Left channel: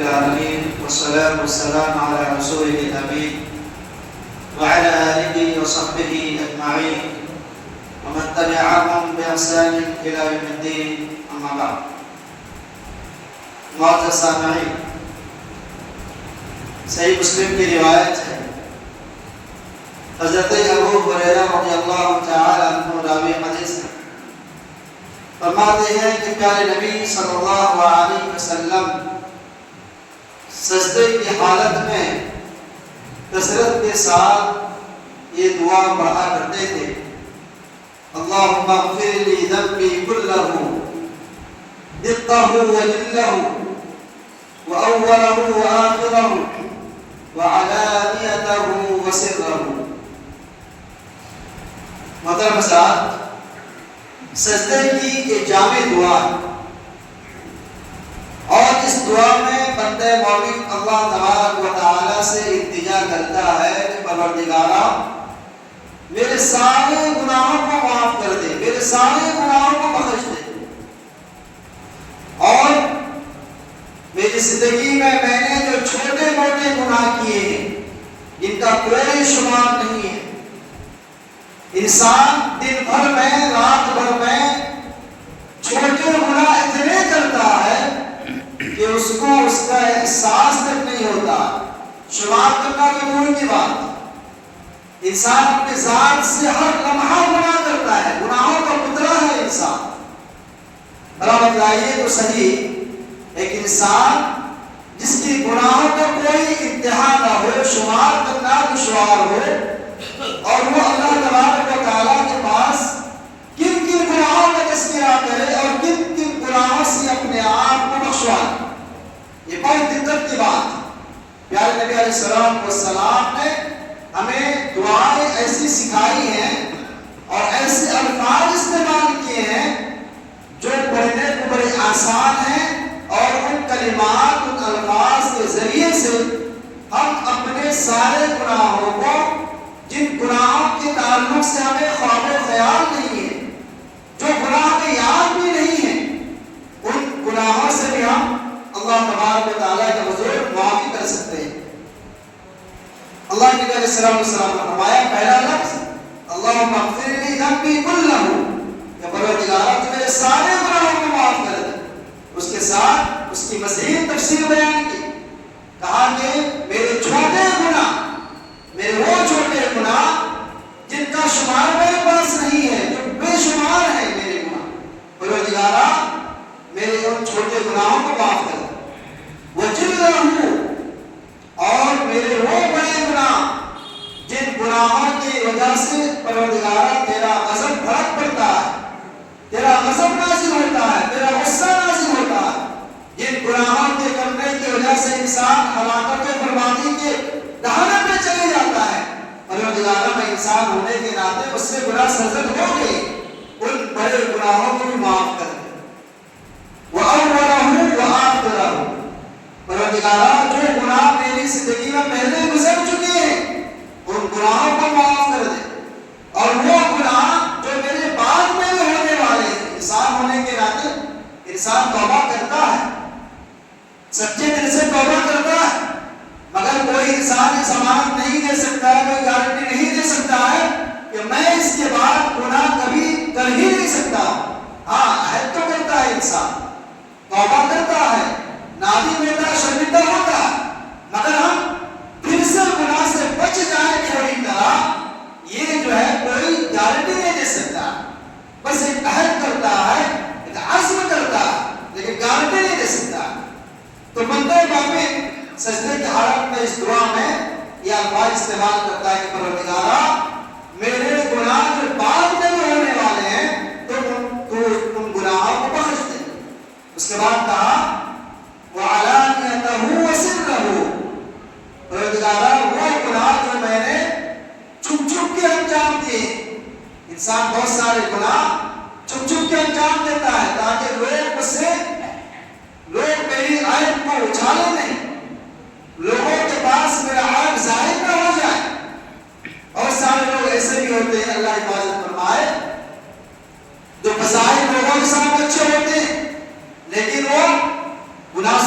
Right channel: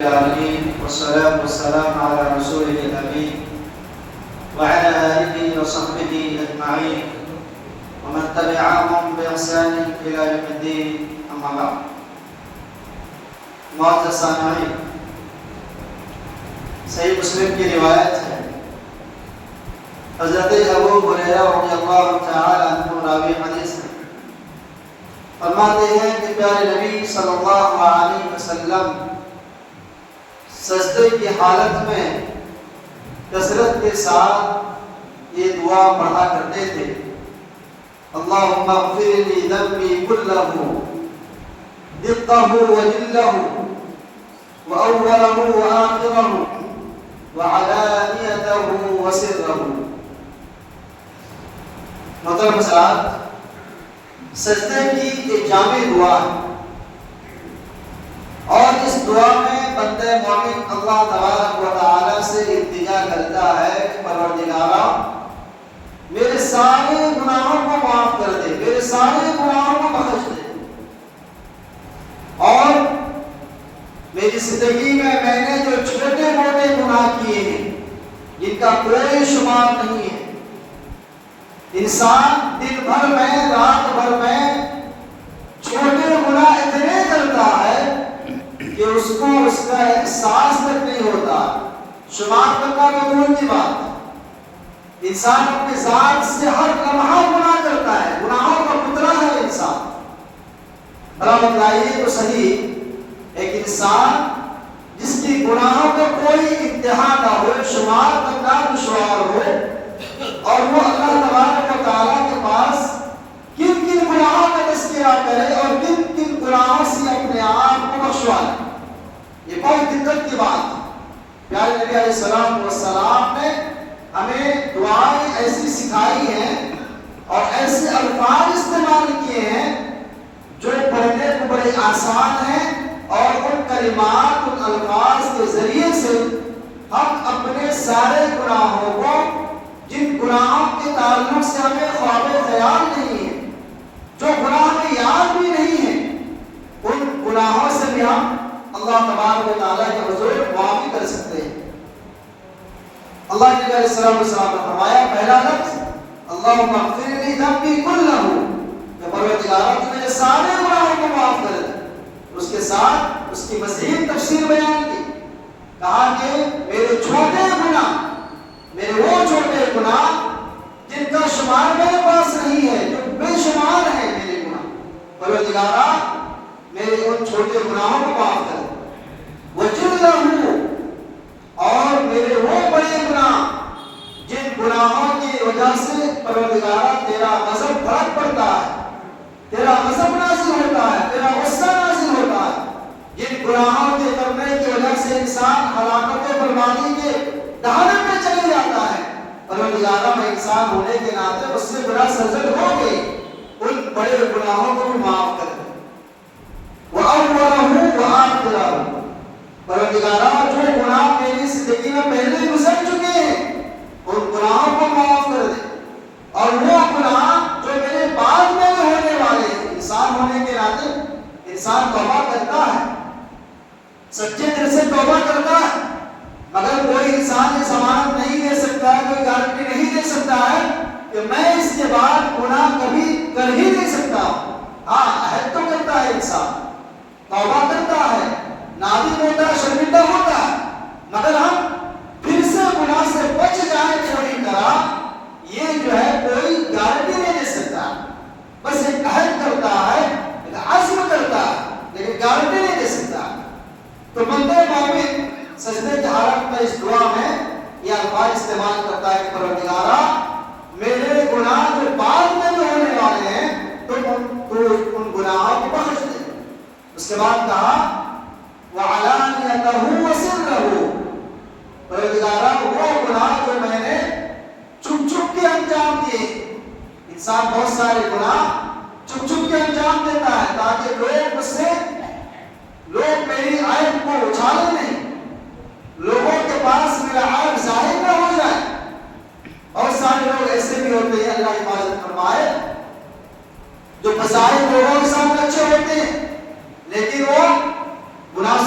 والصلاة والسلام على رسوله الأمين وعلى آله وصحبه أجمعين ومن تبعهم بإحسان إلى يوم الدين أما بعد. معزز سامعین، صحیح مسلم کی روایت ہے، حضرت ابو ہریرہ رضی اللہ تعالی عنہ راوی حدیث ہے، فرماتے ہیں کہ پیارے نبی صلی اللہ علیہ وسلم سجدے کی حالت میں کثرت کے ساتھ یہ دعا پڑھا کرتے تھے: اللہم اغفر لی ذنبی کلہ دقہ وجلہ وأوله وآخره وعلانيته وسره. محترم حضرات، سجدے کی ایک جامع دعا ہے اور اس دعا میں بندہ مومن اللہ تبارک و تعالی سے التجا کرتا ہے کہ پروردگارا میرے سارے گناہوں کو معاف کر دے، میرے سارے گناہوں کو بخش دے، اور میری زندگی میں نے جو چھوٹے موٹے گناہ کیے ہیں جن کا کوئی شمار نہیں ہے. انسان دن بھر میں، رات بھر میں چھوٹے گناہ اتنے کرتا ہے کہ اس کو اس کا احساس تک نہیں ہوتا، شمار کرنا تو دور کی بات ہے. انسان اپنے ذات سے ہر لمحہ گناہ کرتا ہے، گناہوں کا پتلا ہے انسان. بڑا بتلائیے تو صحیح، ایک انسان جس کی گناہوں کا کوئی انتہا نہ ہو، شمار کرنا دشوار ہو، اور وہ اللہ تبارک و تعالیٰ کے پاس کن کن گناہوں کا تذکرہ کرے اور کن کن گناہوں سے اپنے آپ کو بخشوائے، یہ بہت دقت کی بات ہے. پیارے نبی علیہ السلام نے ہمیں دعائیں ایسی سکھائی ہیں اور ایسے الفاظ استعمال کیے ہیں جو پڑھنے کو بڑے آسان ہیں، اور ان کلمات، ان الفاظ کے ذریعے سے ہم اپنے سارے گناہوں کو، جن گناہوں کے تعلق سے ہمیں خواب و خیال نہیں ہے، جو گناہ میں یاد بھی نہیں ہے، ان گناہوں سے بھی ہم اللہ تبارک و تعالیٰ کے حضور معافی کر سکتے ہیں. اللہ کے نبی علیہ السلام نے فرمایا، پہلا لفظ اللہم اغفر لی ذنبی کلہ، کہ پروردگارا تو میرے سارے گناہوں کو معاف کر دے. اس کے ساتھ اس کی مزید تفسیر بیان کی، کہا کہ میرے چھوٹے گناہ، میرے وہ چھوٹے گناہ جن کا شمار میرے پاس نہیں ہے، جو بے شمار ہیں میرے گناہ، پروردگارا میرے ان چھوٹے گناہوں کو معاف کر دے. وجلہ، اور میرے وہ بڑے گناہ جن گناہوں کی وجہ سے پروردگارا تیرا غضب بھڑک پڑتا ہے، تیرا غضب نازل ہوتا ہے، تیرا غصہ نازل ہوتا ہے، جن گناہوں کے کرنے کی وجہ سے انسان ہلاکت و بربادی کے دہانے میں چلے جاتا ہے. پروردگارا میں انسان ہونے کے ناطے اس سے گناہ سرزد ہو گئی، ان بڑے گناہوں کو بھی معاف کر دے. وَأَوَّلَهُ وَآخِرَهُ، پروردگارا جو گناہ میری زندگی میں پہلے گزر چکے ہیں ان گناہوں کو معاف کر دے، اور وہ گناہ جو میرے بعد میں بھی ہونے والے ہیں. انسان ہونے کے ناطے انسان توبہ کرتا ہے، سچے دل سے توبہ کرتا ہے، مگر کوئی انسان ضمانت نہیں دے سکتا ہے، کوئی گارنٹی نہیں دے سکتا ہے کہ میں اس کے بعد گناہ کبھی کر ہی نہیں سکتا. ہاں، عہد تو کرتا ہے انسان، توبہ کرتا ہے، نادم ہوتا ہے، شرمندہ ہوتا ہے، مگر ہم پھر سے گناہ سے بچ جائیں تھوڑی طرح، یہ جو ہے کوئی گارنٹی نہیں دے سکتا. بس ایک عہد کرتا ہے، ایک عزم کرتا ہے، لیکن گارنٹی نہیں دے سکتا. تو بندہ مومن سجدے کی حالت میں اس دعا میں یہ الفاظ استعمال کرتا ہے کہ پروردگارا میرے گناہ جو بعد میں بھی ہونے والے ہیں تو ان گناہوں کو بخش دے. اس کے بعد کہا وَعَلَانِيَتَهُ وَسِرَّهُ، پروردگارا وہ گناہ جو میں نے چھپ چھپ کے انجام دیے. انسان بہت سارے گناہ چھپ چھپ کے انجام دیتا ہے تاکہ لوگ میری عیب کو اچھالے نہیں، لوگوں کے پاس میرا عیب ظاہر نہ ہو جائے. اور سارے لوگ ایسے بھی ہوتے ہیں، اللہ حفاظت فرمائے، جو بظاہر لوگوں کے سامنے اچھے ہوتے ہیں لیکن وہ گناہ